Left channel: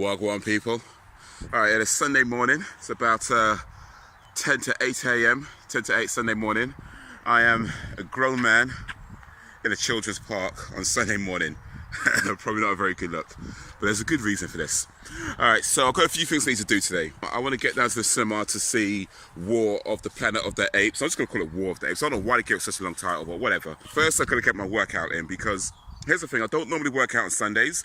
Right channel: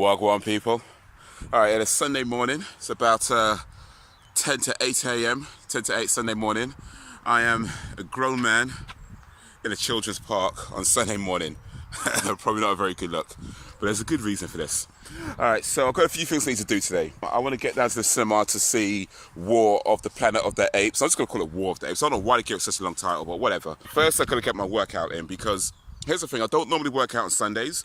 Wagwan people. Alright, it's Sunday morning. It's about 10 to 8 a.m. 10 to 8 Sunday morning. I am a grown man in a children's park on Sunday morning. Probably not a very good look, but there's a good reason for this. Alright, so I've got a few things I need to do today. I want to get down to the cinema to see War of the Planet of the Apes. I'm just going to call it War of the Apes. I don't know why they gave it such a long title, but whatever. First, I've got to get my workout in because here's the thing, I don't normally work out on Sundays,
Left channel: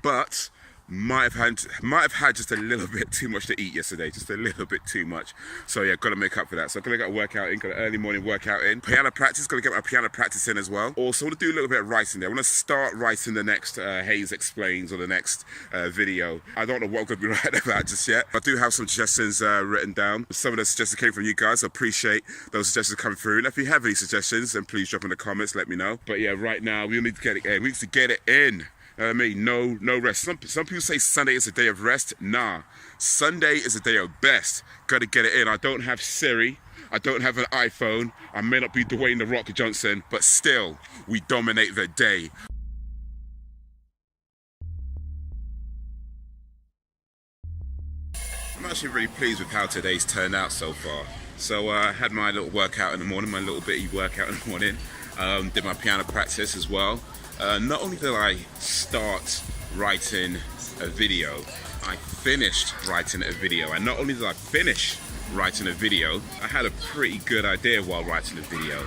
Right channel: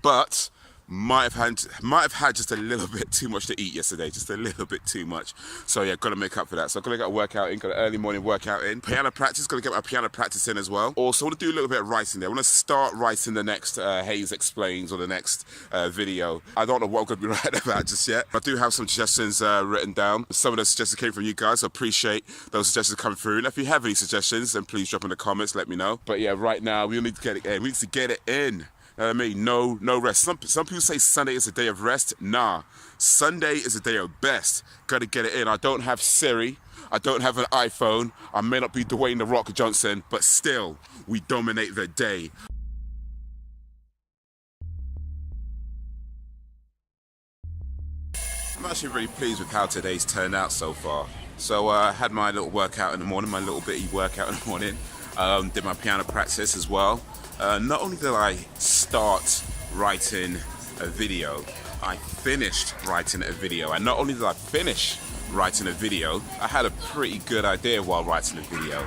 but might have had just a little bit too much to eat yesterday, just a little bit too much. So yeah, got to make up for that. So I've got to get a workout in, got an early morning workout in. Piano practice, got to get my piano practice in as well. Also, I want to do a little bit of writing there. I want to start writing the next Haze Explains or the next video. I don't know what I'm going to be writing about just yet. I do have some suggestions written down. Some of those suggestions came from you guys, so appreciate those suggestions coming through. And if you have any suggestions, then please drop in the comments, let me know. But yeah, right now, we need to get it in. We need to get it in. I mean, no rest. Some people say Sunday is a day of rest. Nah, Sunday is a day of best. Got to get it in. I don't have Siri. I don't have an iPhone. I may not be Dwayne "The Rock" Johnson, but still, we dominate the day. I'm actually really pleased with how today's turned out so far. So I had my little workout in the morning, my little bitty workout in the morning. Did my piano practice as well. Not only did I start writing a video, I finished writing a video. And not only did I finish writing a video, I had a pretty good idea while writing the video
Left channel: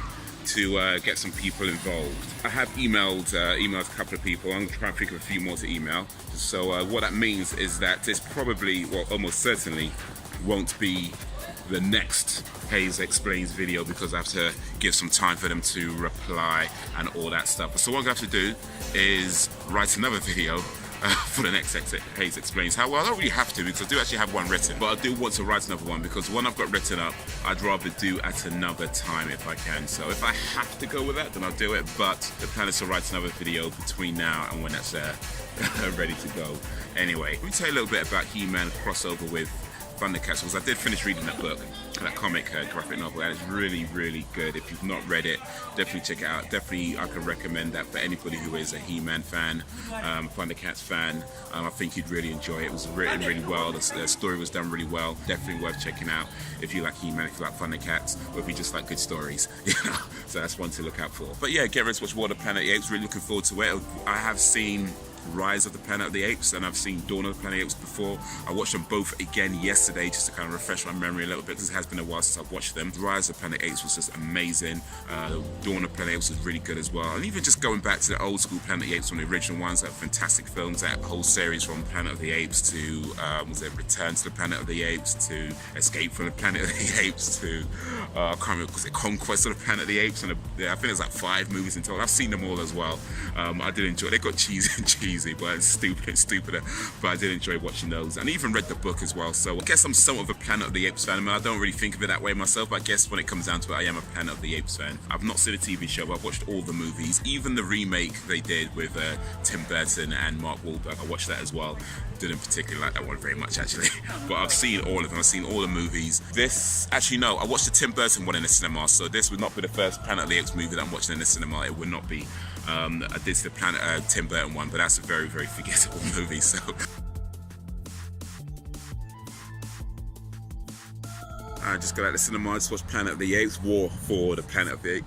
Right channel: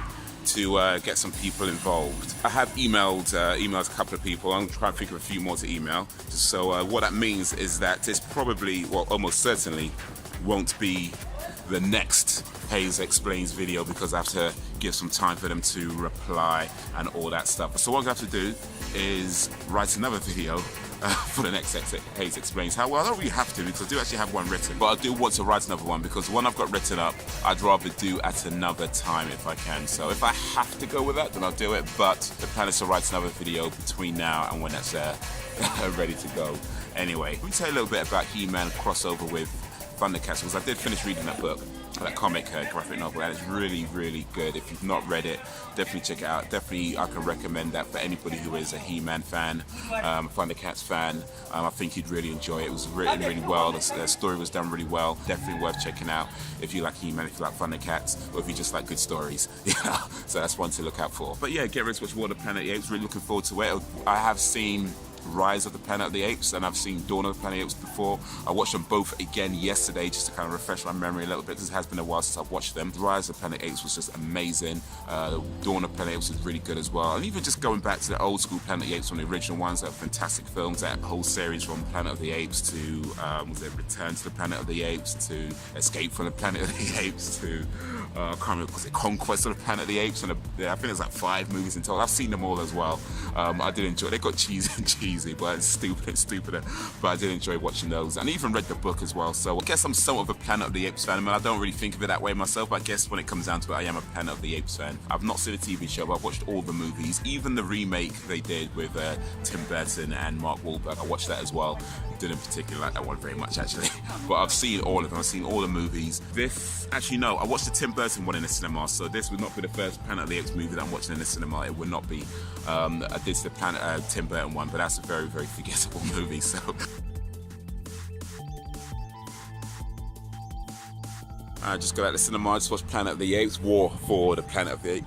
to get some people involved. I have emailed a couple of people. I'm trying to think of a few more to email. So what that means is that this probably, well, almost certainly won't be the next Haze Explains video because I have to give some time for them to reply and all that stuff. So what I'm going to have to do is write another video for the next Haze Explains. Well, I don't really have to because I do actually have one written, but I do want to write another one because the one I've got written up, I'd rather do at another time if I can. So if I have to go with that, then I'll do it, but the plan is to write another video between now and when that's ready to go. Anyway, let me tell you a little bit about He-Man crossover with Thundercats, because I did finish reading that book, that comic graphic novel, and it's really, really good. If you've not read it, definitely check it out. Definitely, I can recommend that for anybody who is a He-Man fan, Thundercats fan. I think you'd really enjoy it. It was written really well. The story was done really well. Definitely worth checking out if you like He-Man, if you like Thundercats, or if you just like good stories. You know, so that's one to look out for. But yeah, get ready to watch War of the Planet of the Apes. Really looking forward to it. I have seen Rise of the Planet of the Apes and I've seen Dawn of the Planet of the Apes before. I watched them both again yesterday just to kind of refresh my memory a little bit because it has been a while since I've watched them. Rise of the Planet of the Apes was just amazing. Dawn of the Planet of the Apes was really good as well. And even just going back to the old school Planet of the Apes, from the original ones, that fantastic films, that whole series from Planet of the Apes to was it Return to the Planet of the Apes to Escape from the Planet of the Apes to I can't remember, was it Conquest of the Planet of the Apes? And I think there's like 5 movies in total. I've seen them all as well. I did enjoy it. They got cheesy, but it's stupider. But I did enjoy watching those, and I even read the book as well. So I guess I'm somewhat of a Planet of the Apes fan. I mean, I don't really think of it that way myself, but I guess when it comes down to it, I am a Planet of the Apes fan. I've not seen a TV show, but I've watched all the movies, even the remake they did with Tim Burton and Mark Wahlberg. I watched that as well. Didn't particularly like that one very much actually, but I've seen all of them. I've seen all the movies. This, actually no, I watched the Tim Burton one in the cinema, so this would not be the first Planet of the Apes movie that I'm watching in the cinema. It would not be. I did the Tim Burton one, but that's a very, very forgettable movie. So I just got out of the cinema. I just watched Planet of the Apes, War for the Planet of the Apes.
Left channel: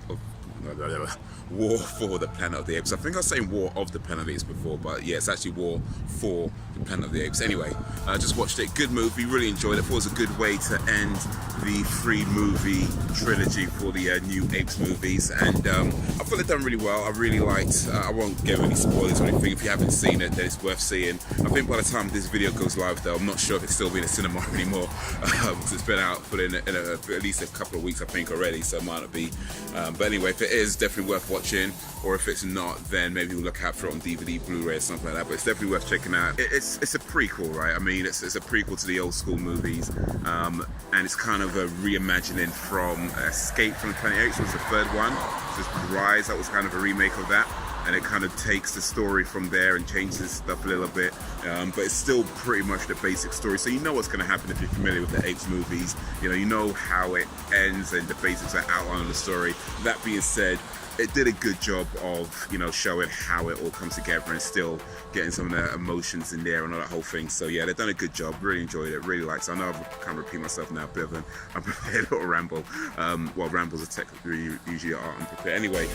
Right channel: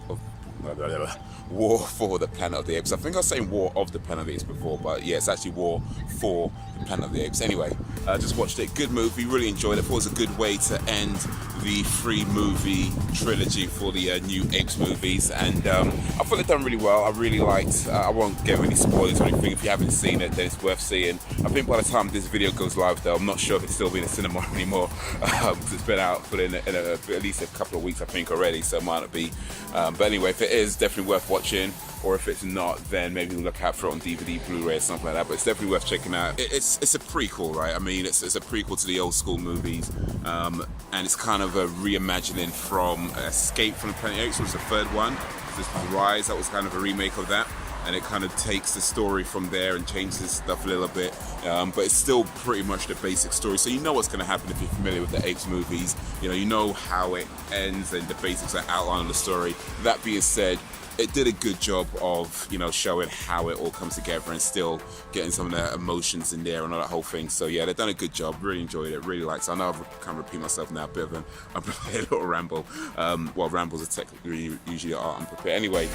War for the Planet of the Apes. I think I was saying War of the Planet of the Apes before, but yeah, it's actually War for the Planet of the Apes. Anyway, I just watched it. Good movie, really enjoyed it. Thought it was a good way to end the 3-movie trilogy for the new Apes movies, and I thought they'd done really well. I really liked, I won't give any spoilers or anything. If you haven't seen it, then it's worth seeing. I think by the time this video goes live though, I'm not sure if it's still being in a cinema anymore, because it's been out for at least a couple of weeks I think already, so it might not be. But anyway, if it is, definitely worth watching, or if it's not, then maybe we'll look out for it on DVD, Blu-ray or something like that, but it's definitely worth checking out. It's a prequel, right? I mean, it's a prequel to the old school movies, and it's kind of a reimagining from Escape from the Planet of the Apes, was the third one. This Rise, that was kind of a remake of that, and it kind of takes the story from there and changes stuff a little bit, but it's still pretty much the basic story, so you know what's going to happen if you're familiar with the Apes movies. You know how it ends and the basics are outlined in the story. That being said, it did a good job of, you know, showing how it all comes together and still getting some of the emotions in there and all that whole thing. So yeah, they've done a good job. Really enjoyed it. Really liked it. I know I can't repeat myself now. A bit of an unprepared little ramble. Well, rambles are technically usually are unprepared. Anyway,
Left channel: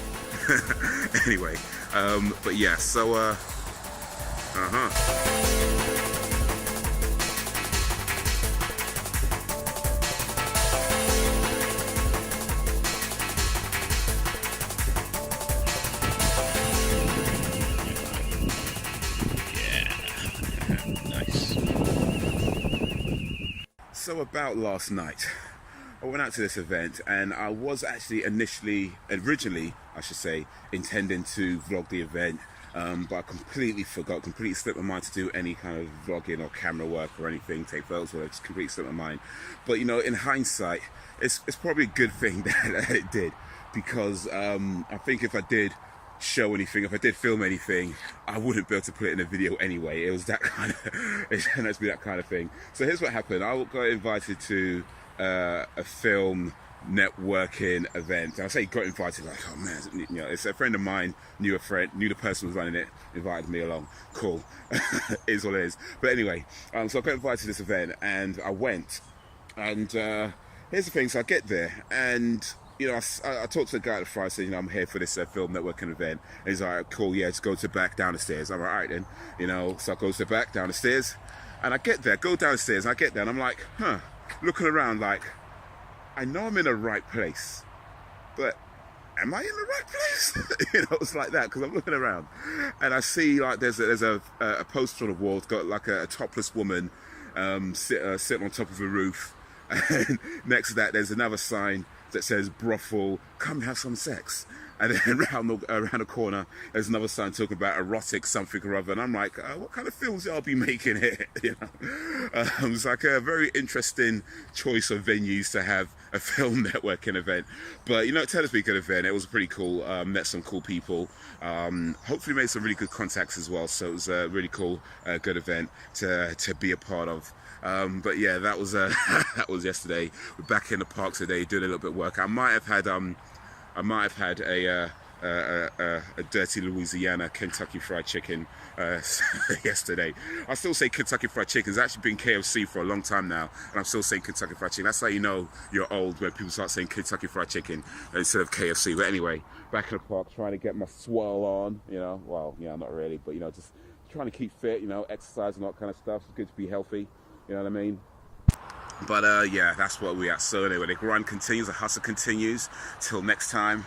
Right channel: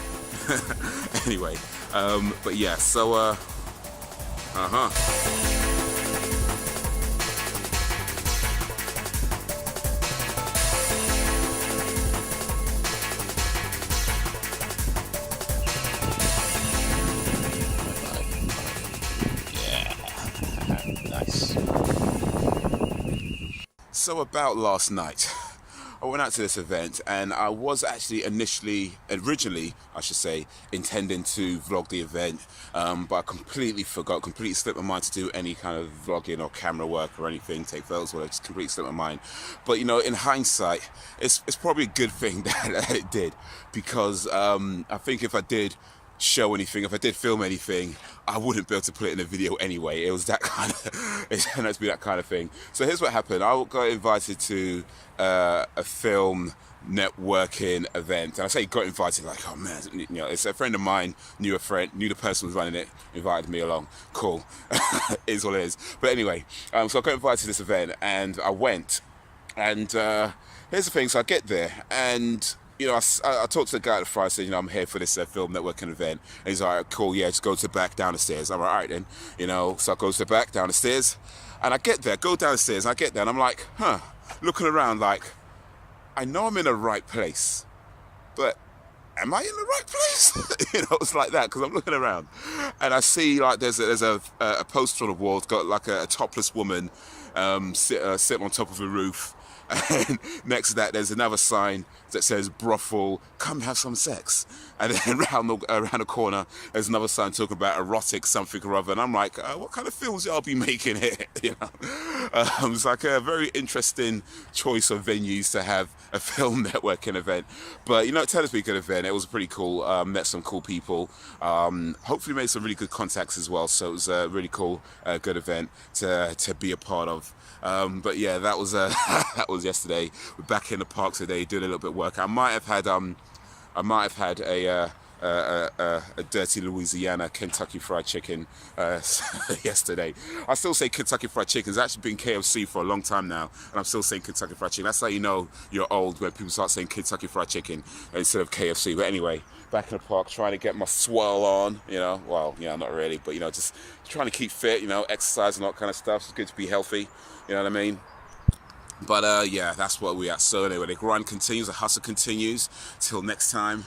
anyway. But yeah. So So about last night, I went out to this event and I was actually originally, I should say, intending to vlog the event, but I completely slipped my mind to do any kind of vlogging or camera work or anything, take photos, or just completely slipped my mind. But you know, in hindsight, it's probably a good thing that it did, because I think if I did show anything, if I did film anything, I wouldn't be able to put it in a video anyway. It was that kind of, it turned out to be that kind of thing. So here's what happened. I got invited to a film networking event, and I say got invited like, oh man, you know, it's a friend of mine, knew the person who was running it, invited me along. Cool. Is what it is. But anyway, so I got invited to this event and I went, and here's the thing. So I get there and, you know, I talked to the guy at the front. I said, you know, I'm here for this film networking event. And he's like, cool, yeah, just go to the back, down the stairs. I'm like, all right then, you know. So I go to the back, down the stairs, and I get there, go down the stairs, and I get there, and I'm like, looking around like, I know I'm in the right place, but am I in the right place? You know, it's like that, because I'm looking around, and I see like there's a poster on the wall. It's got like a topless woman sitting on top of a roof. And next to that, there's another sign that says brothel, come have some sex. And then around the corner, there's another sign talking about erotic something or other. And I'm like, what kind of films y'all be making here? You know, it's like a very interesting choice of venues to have a film networking event. But you know, it turned out to be a good event. It was pretty cool. Met some cool people. Hopefully made some really good contacts as well. So it was a really cool, good event to be a part of. But yeah, that was that was yesterday. We're back in the park today, doing a little bit of work. I might have had a dirty Louisiana Kentucky Fried Chicken yesterday. I still say Kentucky Fried Chicken. It's actually been KFC for a long time now, and I'm still saying Kentucky Fried Chicken. That's how you know you're old, when people start saying Kentucky Fried Chicken instead of KFC. But anyway, back in the park, trying to get my swell on, you know. Well, yeah, not really, but you know, just trying to keep fit, you know, exercise and all that kind of stuff. It's good to be healthy, you know what I mean? But yeah, that's what we're at. So anyway, the grind continues, the hustle continues. Till next time,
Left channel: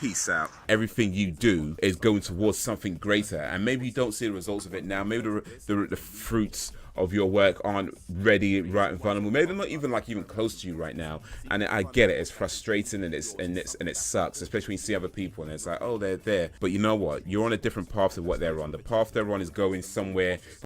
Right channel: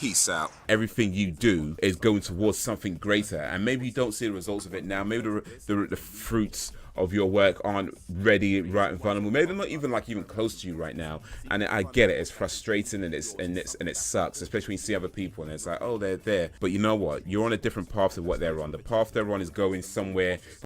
peace out. Everything you do is going towards something greater, and maybe you don't see the results of it now. Maybe the fruits of your work aren't ready right in front of you. Maybe they're not even close to you right now. And I get it. It's frustrating and it sucks, especially when you see other people and it's like, oh, they're there. But you know what? You're on a different path to what they're on. The path they're on is going somewhere